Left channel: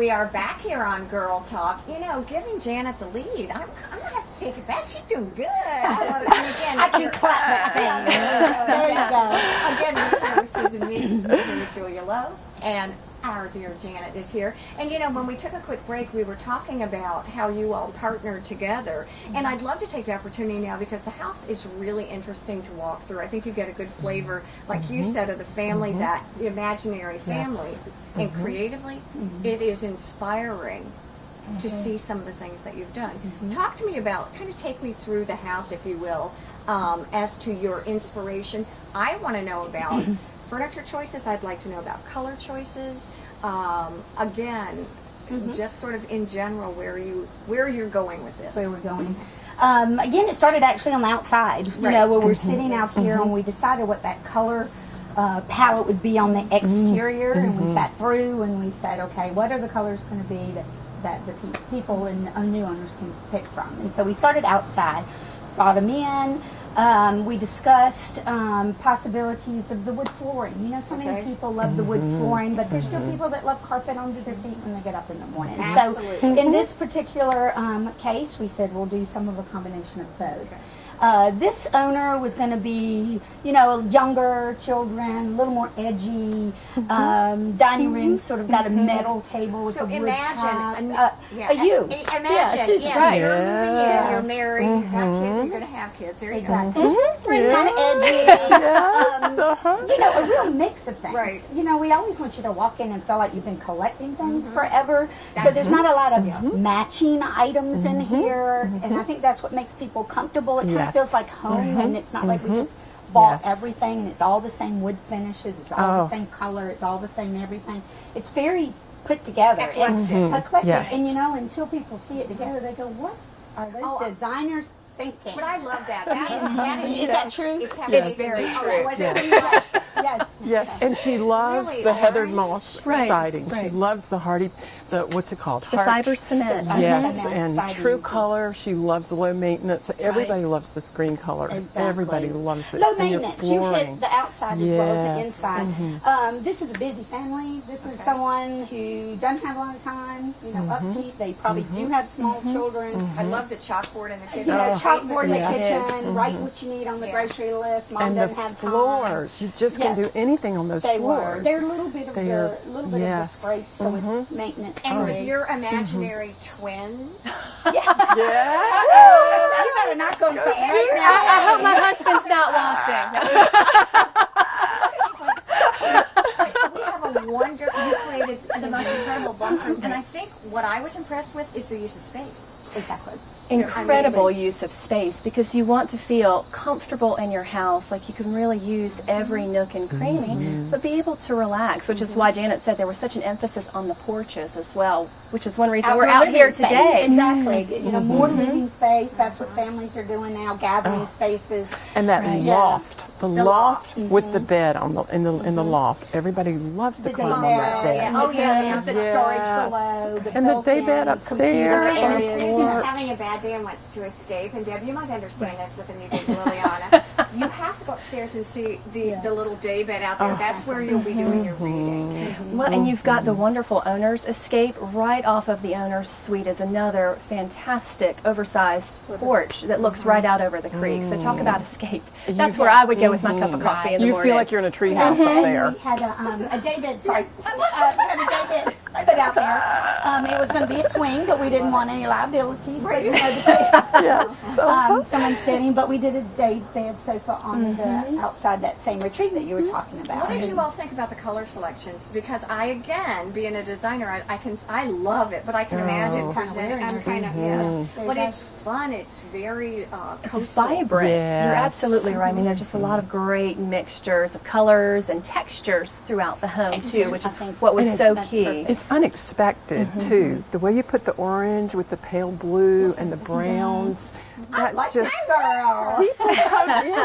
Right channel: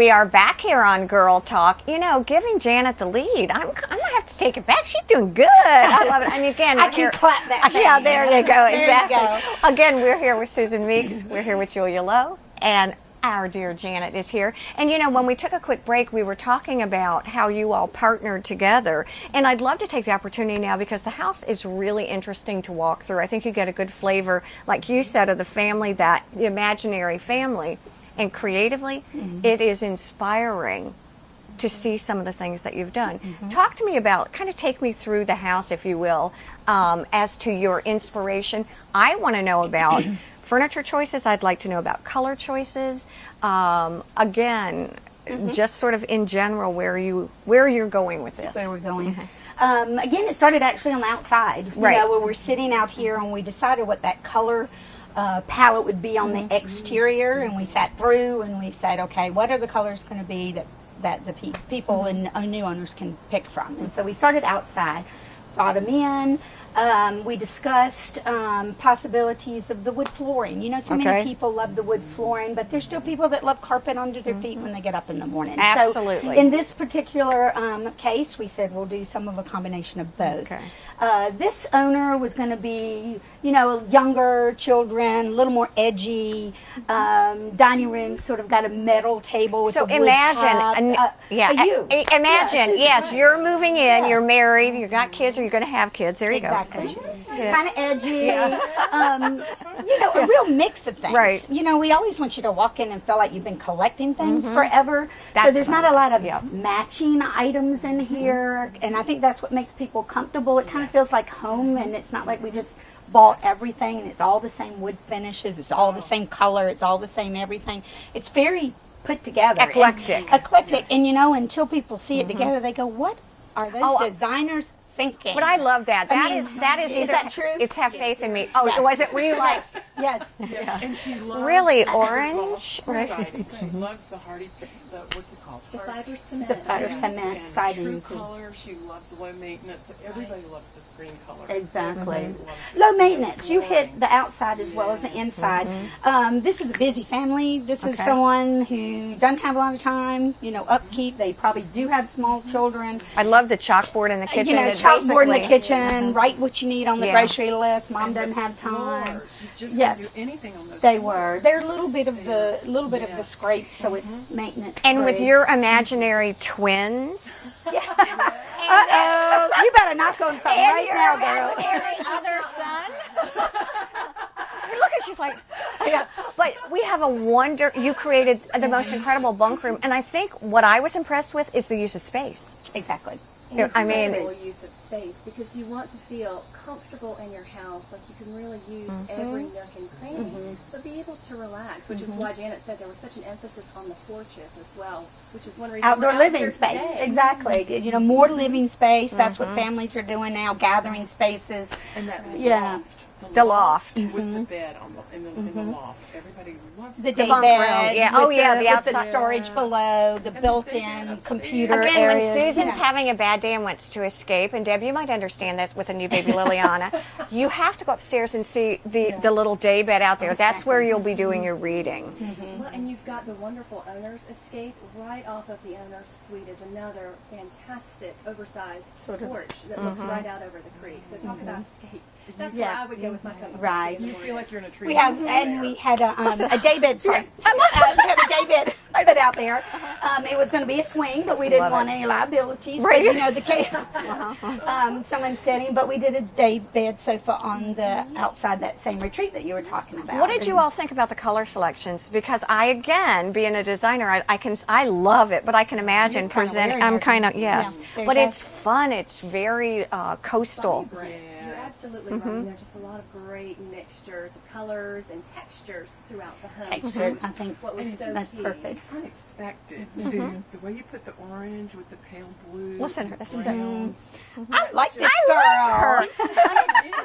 We are back here on Girl Talk. You know, giving Janet the lead. I'm gonna have to take it back. She's doing good. I love it. And again, I can clap that. Yeah, there you go. There Exactly. you go. Again, we're here with Susan Meeks. We're here with Julia Lowe, and our dear Janet is here. And you know, when we took a quick break, we were talking about how you all partnered together. And I'd love to take the opportunity now, because the house is really interesting to walk through. I think you get a good flavor, like you said, of the family, that the imaginary family. And creatively, it is inspiring to see some of the things that you've done. Talk to me about, kind of take me through the house, if you will, as to your inspiration. I want to know about furniture choices. I'd like to know about color choices. Again, just sort of in general, where you're going with this. Where we're going. Again, it started actually on the outside. You know, where we're sitting out here and we decided what that color palette would be on the exterior, and we sat through and we said, okay, what are the colors going to be that the people and new owners can pick from? And so we started outside, brought them in. We discussed possibilities of the wood flooring. You know, so many people love the wood flooring, but there's still people that love carpet under their feet when they get up in the morning. Absolutely. So in this particular case, we said we'll do some of a combination of both. Okay. This owner was going to be, you know, younger children, a little more edgy. Dining room sort of got a metal table with So a wood imagine, top. imagine, yes, you're moving in, you're married, you've got kids, or you're going to have kids. There you go. Kind of edgy. You know, a real mix of things. Right. You know, we always want you to walk in and feel like you've been collecting things forever. So there's not a lot of matching items in here, and I think that's what makes people comfortable. It kind of feels like home, and it's not like we just bought everything, and it's all the same wood finishes, it's all the same color, it's all the same everything. It's very put together. Eclectic. And you know, until people see it together, they go, what are those designers thinking? But I love that. That is that true? It's half faith in me. Oh, true. it wasn't real life. Yes, and she loves the heather moss siding. She loves the hardy, what's it called? The fiber cement. Yes, and true color. She loves the low maintenance. Everybody loves this green color. Exactly. Everybody loves it. Low maintenance. You hit the outside as well as the inside. This is a busy family. This is someone who doesn't have a lot of time, you know, upkeep. They probably do have small children. I love the chalkboard in the kitchen. You know, chalkboard in the kitchen, write what you need on the grocery list. Mom doesn't have time. Floors. You just can't do anything on those floors. They're a little bit of the scrape, so it's maintenance. And with your imaginary twins. You better not go and say right now. I hope my husband's not watching. But we have a you created the most incredible bunk room, and I think what I was impressed with is the use of space. Exactly. Incredible use of space, because you want to feel comfortable in your house, like you can really use every nook and cranny, but be able to relax, which is why Janet said there was such an emphasis on the porches as well, which is one reason we're out here today. Exactly. You know, more living space. That's what families are doing now, gathering spaces. And that loft. The loft with the bed in the loft. Everybody loves to come over there. The storage below, the built-in computer Again, when areas. Susan's having a bad day and wants to escape, and Deb, you might understand this with a new baby Liliana, you have to go upstairs and see the little day bed out there. That's where you'll be doing your reading. Well, and you've got the wonderful owner's escape right off of the owner's suite is another fantastic oversized porch that looks right out over the creek. So talk about escape. That's where I would go with my cup of coffee in the morning. You feel like you're in a tree house out there. We had a day bed. Sorry, we had a day bed out there. It was going to be a swing, but we didn't want any liabilities. Right. You know, someone sitting, but we did a day bed sofa on the outside that same retreat that you were talking about. What did you all think about the color selections? Because I, again, being a designer, I love it, but I can imagine presenting. I'm kind of but it's fun. It's very coastal. It's vibrant. Yes. You're absolutely right. I mean, there's just a lot of great mixtures of colors and textures throughout the home too, which is what was so key. It's unexpected too. The way you put the orange with the pale blue and the browns. I like just, girl.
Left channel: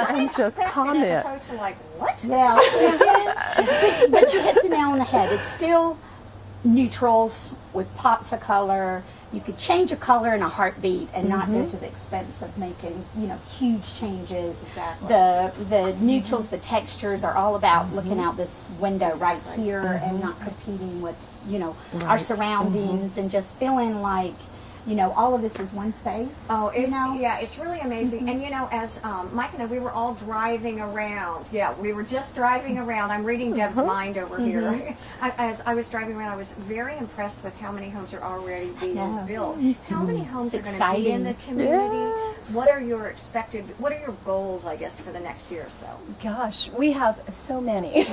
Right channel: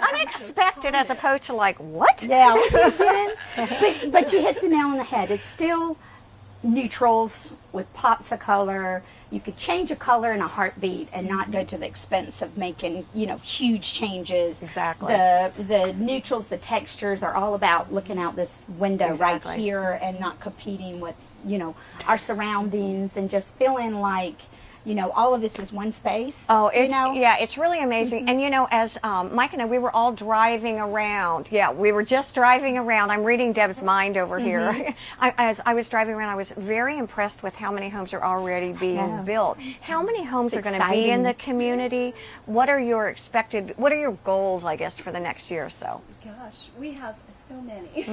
Unexpected as opposed to like, what? Yeah. but you hit the nail on the head. It's still neutrals with pops of color. You could change a color in a heartbeat and not go to the expense of making, you know, huge changes. Exactly. The neutrals, the textures are all about looking out this window right here and not competing with you know, our surroundings and just feeling like, you know, all of this is one space. Oh, it's, you know? yeah, it's really amazing. And, you know, as Mike and I, we were all driving around. Yeah, we were just driving around. I'm reading Deb's mind over here. As I was driving around, I was very impressed with how many homes are already being built. How many homes are going to be in the community? What are your what are your goals, I guess, for the next year or so? Gosh, we have so many.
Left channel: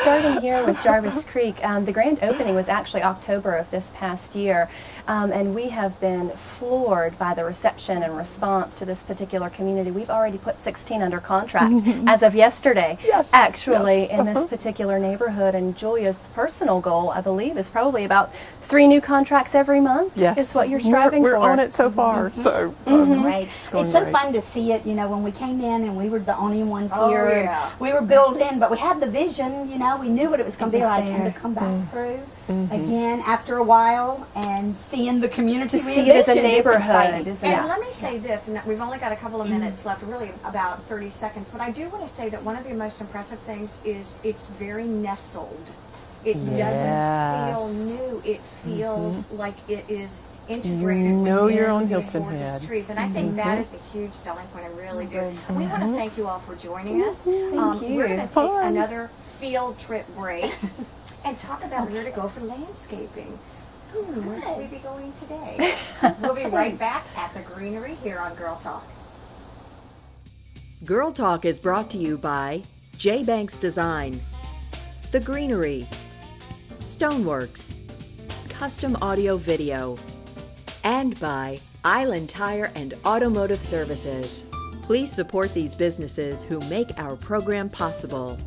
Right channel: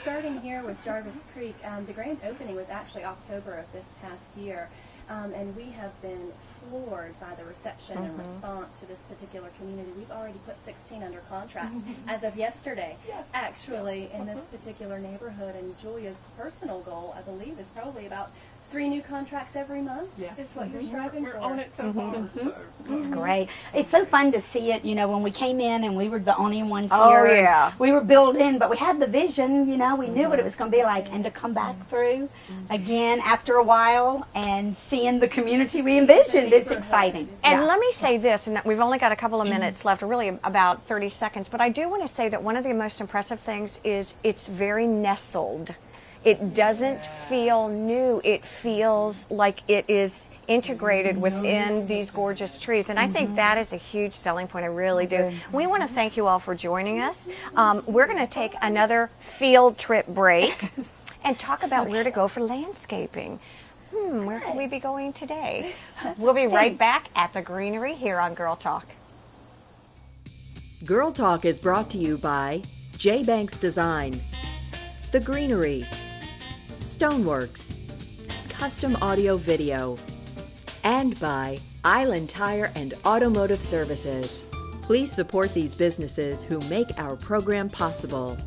Starting here with Jarvis Creek, the grand opening was actually October of this past year. And we have been floored by the reception and response to this particular community. We've already put 16 under contract as of yesterday, actually, in this particular neighborhood. And Julia's personal goal, I believe, is probably about 3 new contracts every month. Is what you're striving we're for. We're on it so far. So great. It's so fun to see it. You know, when we came in and we were the only ones here, and we were built in, but we had the vision. You know, we knew what it was going to be like, and to come back through again after a while and seeing the community we envisioned is exciting. And let me say this, and we've only got a couple of minutes left, really about 30 seconds, but I do want to say that one of the most impressive things is it's very nestled. It doesn't feel new. It feels like it is integrated within these gorgeous trees. And I think that is a huge selling point. I really do. We want to thank you all for joining us. We're going to take another field trip break and talk about where to go for landscaping. Where will we be going today? We'll be right back at the Greenery here on Girl Talk. Girl Talk is brought to you by J. Banks Design, The Greenery, Stoneworks, Custom Audio Video, and by Island Tire and Automotive Services. Please support these businesses who make our program possible.